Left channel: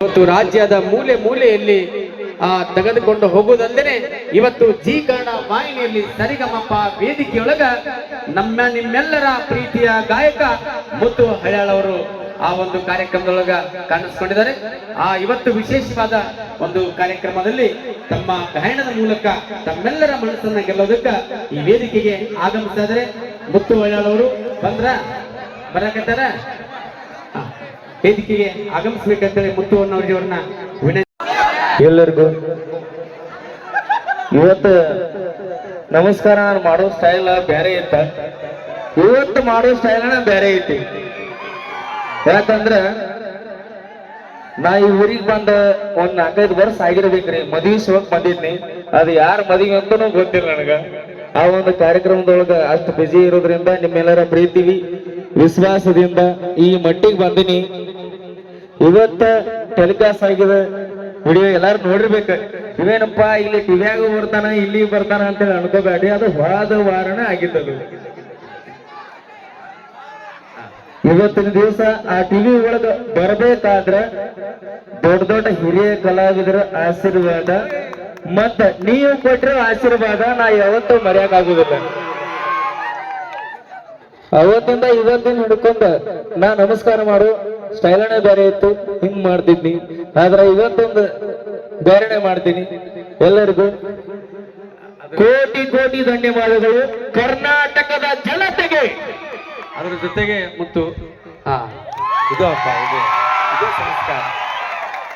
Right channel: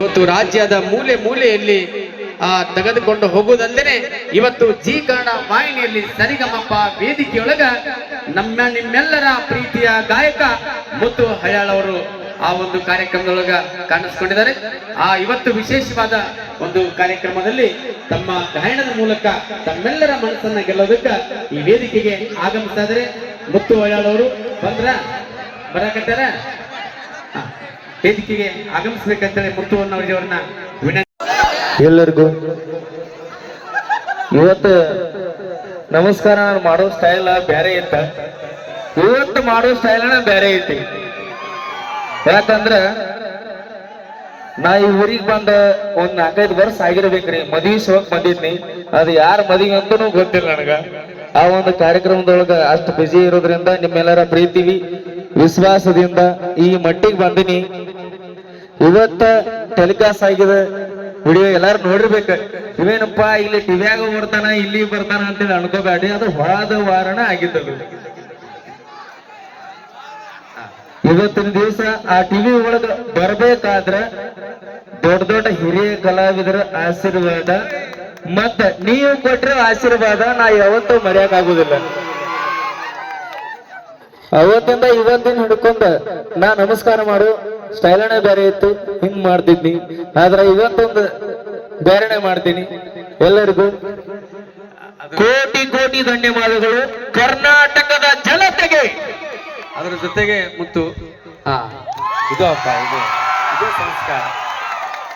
ಇವತ್ತು ರಾಜ್ಯದ ಮೂಲೆ ಮೂಲೆಯಲ್ಲಿ, ಆ, ತೆಗೆದುಕೊಂಡು ಹೋಗುವುದಲ್ಲದೆ ಇವತ್ತು ಜಿ ಕನ್ನಡ ವಾಹಿನಿಯಲ್ಲಿ ಸರಿಗಮಪ್ಪ ವೇದಿಕೆಯೊಳಗ ನಮ್ಮ ನಿಮ್ಮೆಲ್ಲರ ಪ್ರೀತಿಯ ಗಾಯಕ ಮುತ್ತು ಹಯಾಳ್ ಅವರು ಆ ಒಂದು ಕಾರ್ಯಕ್ರಮದೊಳಗ ಕಾಣಿಸ್ಕೊಂಡಿದ್ದಾರೆ ಆ, ಇವತ್ತು ವಿಶೇಷವಾದ ಒಂದು ಕಾರ್ಯಕ್ರಮದಲ್ಲಿ ತಮ್ಮ ಗಾಯನದ ಮೂಲಕ ತಮ್ಮೆಲ್ಲರ ಮನಸ್ಸನ್ನ ಗೆಲ್ಲೋದಕ್ಕ ಈ ವೇದಿಕೆಗೆ ಆಗಮಿಸ್ತಾ ಇದ್ದಾರೆ ಮುತ್ತು ಹಯಾಳ್ ಅವರು ಬಂದ್ರ, ಬರಕತ್ತಾರ. ವೇದಿಕೆಗೆ ಆಗಮಿಸಬೇಕಂತೇಳಿ ಮುತ್ತುವನ್ನ ಅವ್ರನ್ನ ವಿನಂತಿ ಎಲ್ಲರಿಗೂ ಇವತ್ತು ನಮಸ್ಕಾರ ಮಾಡೋ ಸ್ಟೈಲ್ ಬೇರೆ ಇತ್ತ. ಇವತ್ತು ಮಾಡೋ ಸ್ಟೈಲ್ ಬೇರೆ ಐತಿ ಯಾಕಂದ್ರ ನಾ ಈ ಊರಿಗೆ ಬಂದ ಒಂದ್ ನಾಲ್ಕೈದು ವರ್ಷ ಆಗಿರ್ಬೇಕ್ರಿ. ಮದ್ವಿ ಸೋಕ್ ಬಂದಿದ್ನಿ. ಅದು ಯಾರ ಮದ್ವಿ ಅಂತನೂ ಗೊತ್ತಿಲ್ಲ ನನಗ. ಆ ಒಂದು ಕಾರ್ಯಕ್ರಮದೊಳಗ ಅಷ್ಟು ಬಿಜಿ ಇರೋದ್ರಿಂದ ನಿಮ್ಮೆಲ್ಲರ ಪ್ರೀತಿ ವಿಶ್ವಾಸದಿಂದ ಈ ಮಟ್ಟಿಗೆ ಬಂದಿನಿ. ಇವತ್ತ ಟೆಲಿಕಾಸ್ಟ್ ಆಗಿದೆ. ವಿಡಿಯೋ ಎಲ್ಲಾರು ನೋಡಿರ್ಬೇಕು. ಇವೇನಪ್ಪ ಇಲ್ಲಿ ಟಿವಿಯಾಗ ಬರ್ತಾನ, ಇಲ್ಲಿ ಬರ್ತಾನ ಅಂತೇಳಿ ಅನ್ಕೋಬೇಡಿ. ಅದು ಹೊಳದ ವಾರಣ ಆಗಿದ್ದದು ಇವತ್ತಿನ ದಿವಸ ಆ ಟಿವಿ ಒಳಗ ಬರ್ಬೇಕಾದ್ರ ದೊಡ್ಡ ದೊಡ್ಡ ಹಿರಿಯ ಕಲಾವಿದರ ಆಶೀರ್ವಾದ, ಮತ್ತ ನೀವು ಕೊಟ್ಟಿರೋ ಆಶೀರ್ವಾದ ನಾ ಯಾವತ್ತೂ ಮರೆಯಕ್ಕಾಗುದಿಲ್ಲ ಅವತ್ತಿಂದ ಇವತ್ತಿನ ಹಿಡ್ಕೊಂಡ ನಾ ನಮಸ್ಕಾರ ಮಾಡು. ಸ್ಟೈಲನೇ ಬೇರೆ ಇತ್ತು ಹಿಂಗ್ ಮಾಡ್ತಿದ್ನಿ. ಆದ್ರೆ ಇವತ್ತೊಂದು ಬೇರೆನೆ ಮಾಡ್ತೀನಿ. ಎಲ್ಲರಿಗೂ ಕೋಟಿ ಕೋಟಿ ಧನ್ಯವಾದಗಳು. ಕರ್ನಾಟಕದ ಜನತೆಗೆ. ಅದರ ಜೊತೆಗೆ ಮುತ್ತು. ಹಾ. ಇದು ಅಪ್ಪ ಇದು ಇದು ಸಂಸ್ಕಾರ.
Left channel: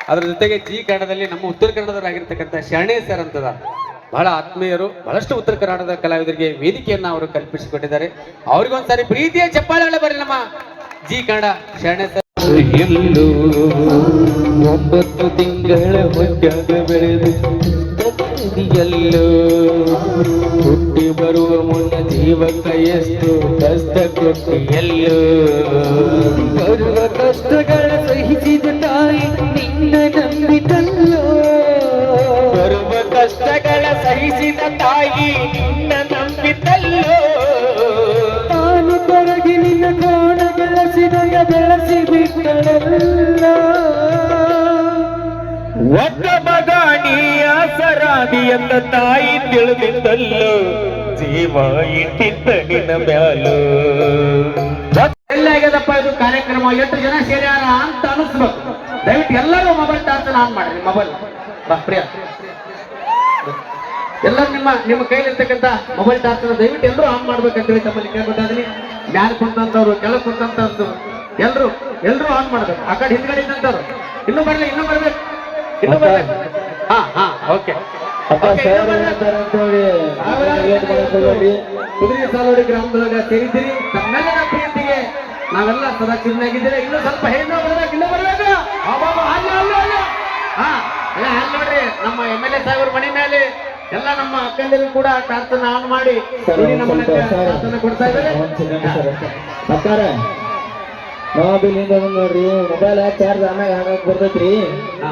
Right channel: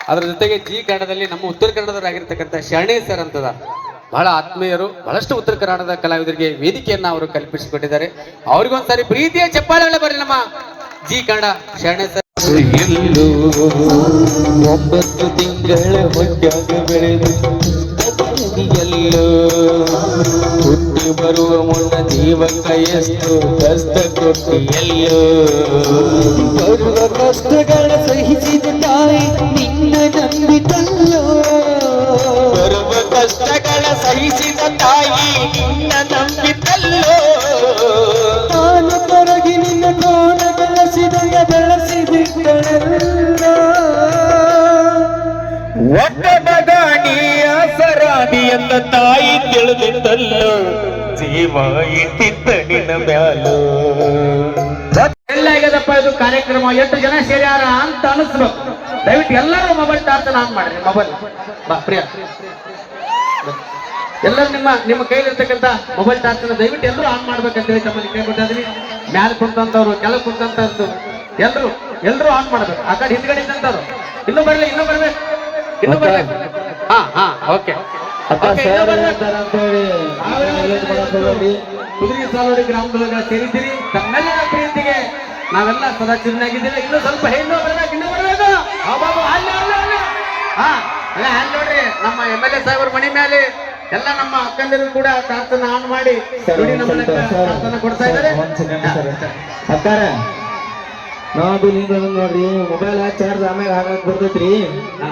ಅದರ ಜೊತೆಗೆ ಜಿ ಕನ್ನಡದಲ್ಲಿ ನಮ್ಮ ಉತ್ತರ ಕನ್ನಡದವರಾಗಿರ್ತಕ್ಕಂಥ ಶರಣೆ ಸರ್ ಅಂತದ ಬಹಳ ಆತ್ಮೀಯರು ಬಹಳಷ್ಟು ಉತ್ತರ ಕನ್ನಡದ ಕಲಾವಿದರಿಗೆ ವೇದಿಕೆಯನ್ನ ಅವರು ಕಲ್ಪಿಸಿಕೊಟ್ಟಿದ್ದಾರೆ. ಅವ್ರಿಗೊಂದ್ಸರಿ ಪ್ರೀತಿಯ ಚಪ್ಪಾಳೆ ಬರಲಿ ನಮ್ಮ ಜಿ ಕನ್ನಡ ಶರಣೆ ಸರ್. ಎಲ್ಲೋ ಒಂಬತ್ತು ತಿಂಗಳ ಹೊಟ್ಟಾಗ ಬೆಳೆದು ಎಲ್ಲೋ ಹುಟ್ಟಿ ಬರುವ ಮುನ್ನ ಜೀವಕ ಎಷ್ಟು ಕಷ್ಟ ಕೊಟ್ಟು ಎಲ್ಲೋ ಒಬ್ಬ ಮಗ ನೀ ಸರಾದಿ ಎಂದ ತಾಯಿ ತಿಳಿದಿದ್ದಲ್ಲ ಜೀವ ಇಟ್ಟಿದ್ದ ನಿನ್ನ ಮ್ಯಾಲೋ. ಎಲ್ಲಾಗ್ಯದಪ್ಪ ಇದು ಕಾರ್ಯಕ್ರಮ, ಎಷ್ಟು ಜನ ಸೇರ್ಯಾರ ಅಂತ ಅನಿಸ್ಬೇಕು. ದಯವಿಟ್ಟು ಎಲ್ಲರೂ ಮೊಬೈಲ್ ಟಾರ್ಚ್ ಆನ್ ಮಾಡ್ರಿ, ಮೊಬೈಲ್. ಪ್ರಿಯ. ಎಲ್ಲರೂ ನಿಮ್ಮ ನಿಮ್ಮ ಕೈಲಿರ್ತಕ್ಕಂಥ ಮೊಬೈಲ್ ಟಾರ್ಚ್ ದಯವಿಟ್ಟು ಎಲ್ಲರೂ ಆನ್ ಮಾಡ್ಬೇಕಂತ ಹೇಳಿ ತಮ್ಮಲ್ಲಿ ಕೇಳ್ಬಿಟ್ಟಾದ್ರಿ ಮ್ಯಾಲ ಕುಂತಂತವ್ರು ಕೆಳಗೆ ಕುಂತಂತವ್ರು ಎಲ್ಲರೂ ಎಲ್ಲರೂ ಆನ್ ಮಾಡ್ಬೇಕು. ಆ ಕಡೆ ಹಿಂದ್ಗಡೆ ಇದ್ದಂತಾರು ಇನ್ನೂ ಬರ್ಲಿ ಇನ್ನೂ ಬರ್ಬೇಕು. ಇನ್ನೂ ಬರ್ಬೇಕು. ಹಾ ಹಾ ಓಕೆ ಕುದುರೆ ಸಾಲೋಡಿ ಗ್ರಾಮದೊಳಗ ಸೇರಿದ್ದೀರಿ. ತಮ್ಮೆಲ್ಲರ ಪ್ರೀತಿಗೆ ನಾವೆಲ್ಲ ಸದಾ ಚಿನ್ನಾಗಿದ್ದೀವಿ ಇನ್ನೂ ಸ್ವಲ್ಪ ಹೆಣ್ಣು ಬರ್ಬೇಕು ಇನ್ನೂ ಬರ್ಬೇಕು. ಹಾ ನೋಡ್ರಿ ನಮ್ಮ ಎಂ ಎಲ್ ಎ ಸಾಹೇಬ್ರ ಮನೆ ಮೇಲೆ ಎಲ್ಲ ನಮ್ಮ ಅಕ್ಕಂದಿರು ಕೂಡ ಟಾರ್ಚನ್ನ ಆನ್ ಮಾಡಿ ನೋಡಿ ನಮ್ಮನ್ನ ಕೊಡ್ತಾ ಇದ್ದಾರೆ. ಒಂದ್ ಸೆಕೆಂಡ್ ಸರ್ ಅಷ್ಟೇ. ಅಕ್ಕಾರ ನಾವು ಇಲ್ಲಿಂದ ಬಂದ್ ನೋಡ್ರಿ ಮೊಬೈಲ್ ಚಾರ್ಜ್ ಆಮ್ಯಾಗ ಹಾಕಕ್ ಬರ್ತೈತ್ರಿ? ಹಾ,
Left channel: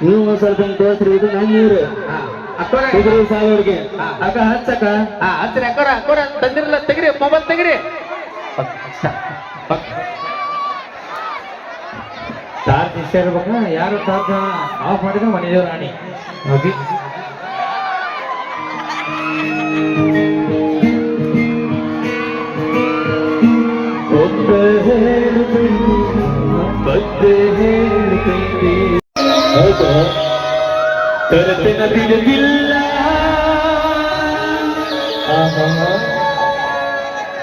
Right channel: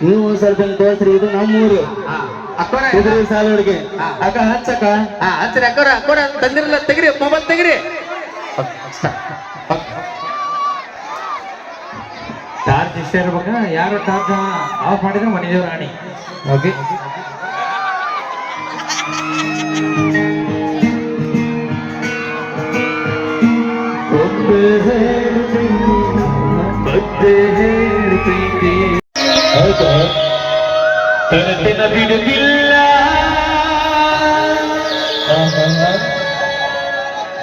ನೀವು ಸ್ವಲ್ಪ ಹಿಂಗ್ ತೋರ್ಸ್ರಿ ಇದು ನಮ್ಮೂರು. ಕುದುರೆ ಸಾಲೋಡ್ಗೆ ಅಕ್ಕ ಹಚ್ಚಕ್ಕ. ಹಚ್ಚಿರಿ ಅಕ್ಕರ ಅಕ್ಕೋರ ತಂದಿರಲ್ಲ ತೆಗ್ರಿ ಮೊಬೈಲ್ ತೆಗ್ರಿ. ಚಾರ್ಜ್ ಇಷ್ಟ ಇರ್ಬೇಕ? ಯಾರು ಚಾರ್ಜ್ ಆಫ್ ಮಾಡಿದ್ರೆ ಮನೆದೇವ್ ರಾಣಿ ಓಕೆ ಹೌದಾ ತರತಿನ ಬಿಡುಗಿಲ್ಲ.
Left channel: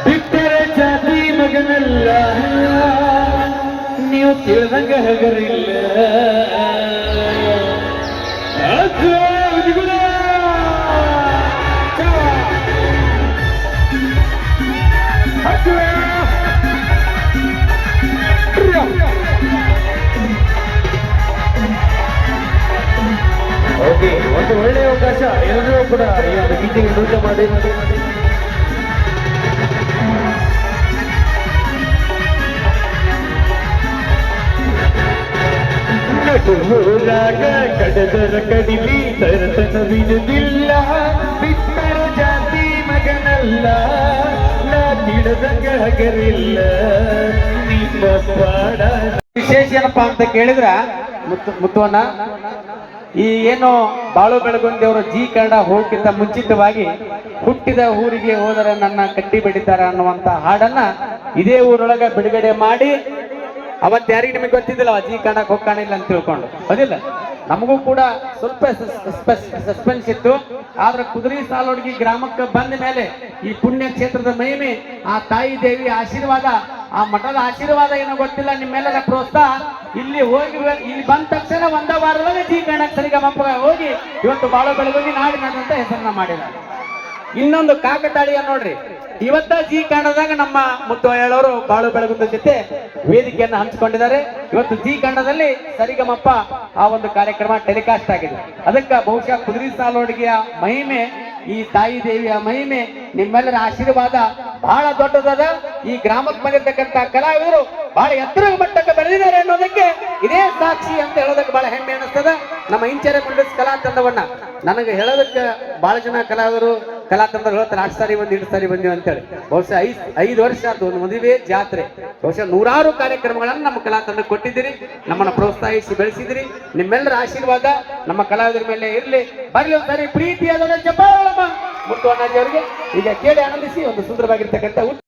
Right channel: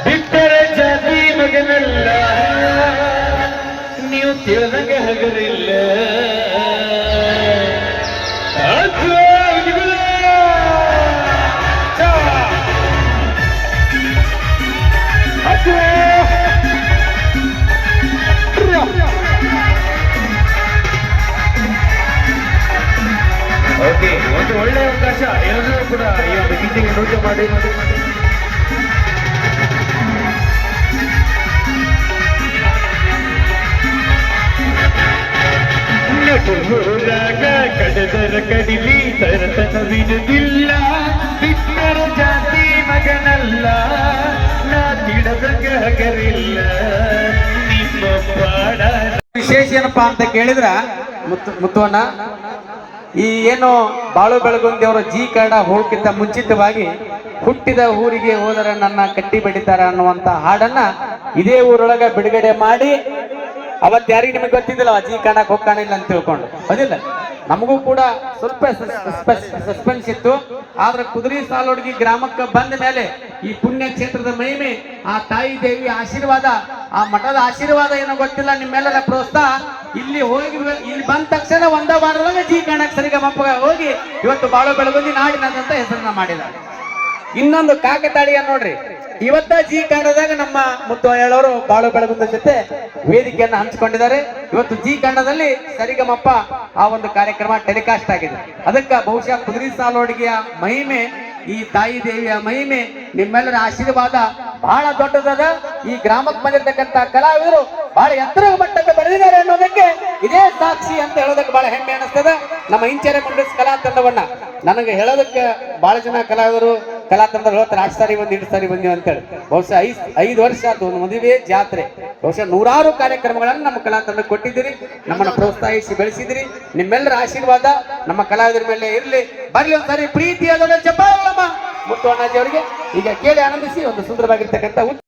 ಬಿಟ್ಟರೆ ಜಾತಿ ಮಗನಲ್ಲ ನೀವು ತಿಳಿದಂಗ ಹಗರಿಲ್ಲ ಅಜ್ಜೋ, ಓಕೆ ಒಂದು ಒಳ್ಳೆಯ ಅವಕಾಶ ಎಲ್ಲರೂ ಕೂಡ ಈ ಒಂದು ಗೀತೆಗೆ ನೃತ್ಯ ಮಾಡಿ. ನಟು ಹೋದಾಗ ಕಡದರ ಕಡಿಲಿ ತರತನವಿರುವುದಿಲ್ಲ ಬಿಟ್ಟರ ಜಾತಿ ಮಗನಲ್ಲ ನಾ ತಿಳಿದಂಗ ಗ್ರಹಗರಿಲ್ಲ. ನಿಮ್ಮ ಪಾಡ ವಿಶೇಷ ಏನಪ್ಪಾ ಅಂತ ಕೇಳಿದ್ರ ಮುತ್ತು ಮುತ್ತುವಣ್ಣ? ಈ ಏನು ಬಾಳು ಬೆಳಗುಂದಿಯವರು ಜಿ ಕನ್ನಡ ಹೋಗಕ್ಕಿಂತ ಮುಂಚಿತವಾಗಿ ಹುಟ್ಟಿದ ಊರಿಗೆ ಹೋದರೆ ನನ್ನ ಕಟ್ಟಿ ಬಡಿತಾರೆ ಅನ್ನುವಂತ ಹಾಡನ್ನ ಇದೇ ಊರೊಳಗ ಬಿಡುಗಡೆ ಮಾಡಿ ಅವತ್ತು ಯಾರಿಗೆ ನಿಮಗೆ ಗೊತ್ತಿದ್ದಿಲ್ಲ, ಜಿ ಕನ್ನಡಕ್ಕೆ ಹೋಗ್ಕಾಣಿಲ್ಲ ಅಂತ ತಿಳ್ಕೊಂಡು. ಅದಿಲ್ಲ ನಮಗೂ ಕೂಡ ಸ್ವಲ್ಪ ಸಸ್ಪೆನ್ಸ್ ಇತ್ತು. ಆದ್ರೆ ಕುದುರೆ ಸಾಲೋಡ್ಗಿ ಗ್ರಾಮಕ್ಕೆ ಬಂದ ಮೇಲೆ ಈ ಪುಣ್ಯ ಕ್ಷೇತ್ರದ ಮಹಿಮೆ, ಆ ತಾಯಿ ದೇವಿ ಆಶೀರ್ವಾದ, ಆ ಮಠದ ಆಶೀರ್ವಾದ ಏನೋ ಗೊತ್ತಿಲ್ಲ ನಿಮ್ಮೆಲ್ಲರ ಪ್ರೋತ್ಸಾಹ. ಇಲ್ಲಿ ಹೋಗಿ ಇಲ್ಲಿ ಬಂದ ತಕ್ಷಣ ಒಂದ ವಾರದಲ್ಲೇ ಜಿ ಕನ್ನಡಕ್ಕೆ ಸರಿಗಮಪ್ಪ ಹೋಗಿ ಇವತ್ತು ಬಾಳು ಬೆಳಗುಂದಿ ನಾಗಿನಂತ ಹೆಸರನ್ನ ಮಾಡಿದ್ದಾರೆ. ಇನ್ನೊಂದು ಕಾಕತಾಳೀಯ ನೋಡ್ರಿ. ಇವತ್ತ ಜಿ ಕನ್ನಡದಾಗ ನಮ್ಮ ಮುತ್ತು ಹೇಳೋರು ಬಾಳು ಬೆಳಗುಂದ ಜೊತೆ ವೇದಿಕೆಯನ್ನು ಹಂಚಿಕೊಂಡಿದ್ದಾರೆ. ಇವತ್ತು ಜಿ ಕನ್ನಡದಲ್ಲಿ ಸರಿಗಮಪ್ಪ ಆ ಒಂದು ಕಾರ್ಯಕ್ರಮ ಟೆಲಿಕಾಸ್ಟ್ ಆಗಿದೆ. ಅದಕ್ಕೆ ಬಹುಶಃ ಕುದುರೆ ಸಾಲೋಡಿಗೆಯ ಮಹಿಮೆ, ಈ ತಾಯಿ ದೇವಿಯ ಮಹಿಮೆ, ನಿಮ್ಮೆಲ್ಲರ ಆಶೀರ್ವಾದ ಬಹಳ ದೊಡ್ಡದಾದ ಈ ಗ್ರಾಮಕ್ಕೆ ಬಂದಿರತಕ್ಕಂತ ಕಲಾವಿದರು ಬಹಳ ಎತ್ತರ ಮಟ್ಟಕ್ಕೆ ಬೆಳೆದಿದ್ದಾರೆ ಅನ್ನೋದಕ್ಕೆ ಇದೇ ಸಾಕ್ಷಿ ಅಂತ ಹೇಳೋದಕ್ಕೆ ಬಹಳ ಹೆಮ್ಮೆ ಅನಿಸ್ತದ ನಮ್ಮ ಇಂಚರೆ ಮಂಡಸ್ ಕಲಾ ತಂಡವನ್ನ. ನನಗೆ ಹೇಳೋದಕ್ಕೆ ಬಹಳ ಜನ ಕಲಾವಿದರು ಕಲಾ ತಂಡ ಹೇಳ್ತಾರೆ, ಆರು ಸಾರಿ ಬಂದು ಸಾರಿ ಬಂದಿವಿ ಅಂತೇಳಿ. ಬಹುಶಃ ಐದು ಐದು ವರ್ಷ ಆಯ್ತು ಒಂದು ಮದುವೆ, ಜಾತ್ರೆ. ಬಹುಶಃ ನೂರಾರು ಕಾರ್ಯಕ್ರಮಗಳನ್ನು ನಮ್ಮ ಕಲಾತಂಡಕ್ಕೆ ತಂಡ ಕೊಟ್ಟಿದ್ದೀರಿ, ನಮ್ಮನ್ನ ಪ್ರೋತ್ಸಾಹಿಸಿ ಬೆಳೆಸಿದಿರಿ ನಿಮ್ಮೆಲ್ಲರ ಆಶೀರ್ವಾದ ನಮ್ಮ ಕಲಾವಿದರ ಮೇಲೆ ಇರಲಿ. ಬರ್ಲಿ ಒಂದ್ಸರಿ ಪ್ರೀತಿಯಾದ ಚಪ್ಪಾಳಮ್ಮ ಮುತ್ತು ಅಣ್ಣಾಜಿ ಅವರಿಗೆ ಈಗ ಕೇಳಿ ಆನಂದಿಸಿ, ಒಂದು ಸುಂದರವಾಗಿರ್ತಕ್ಕಂಥ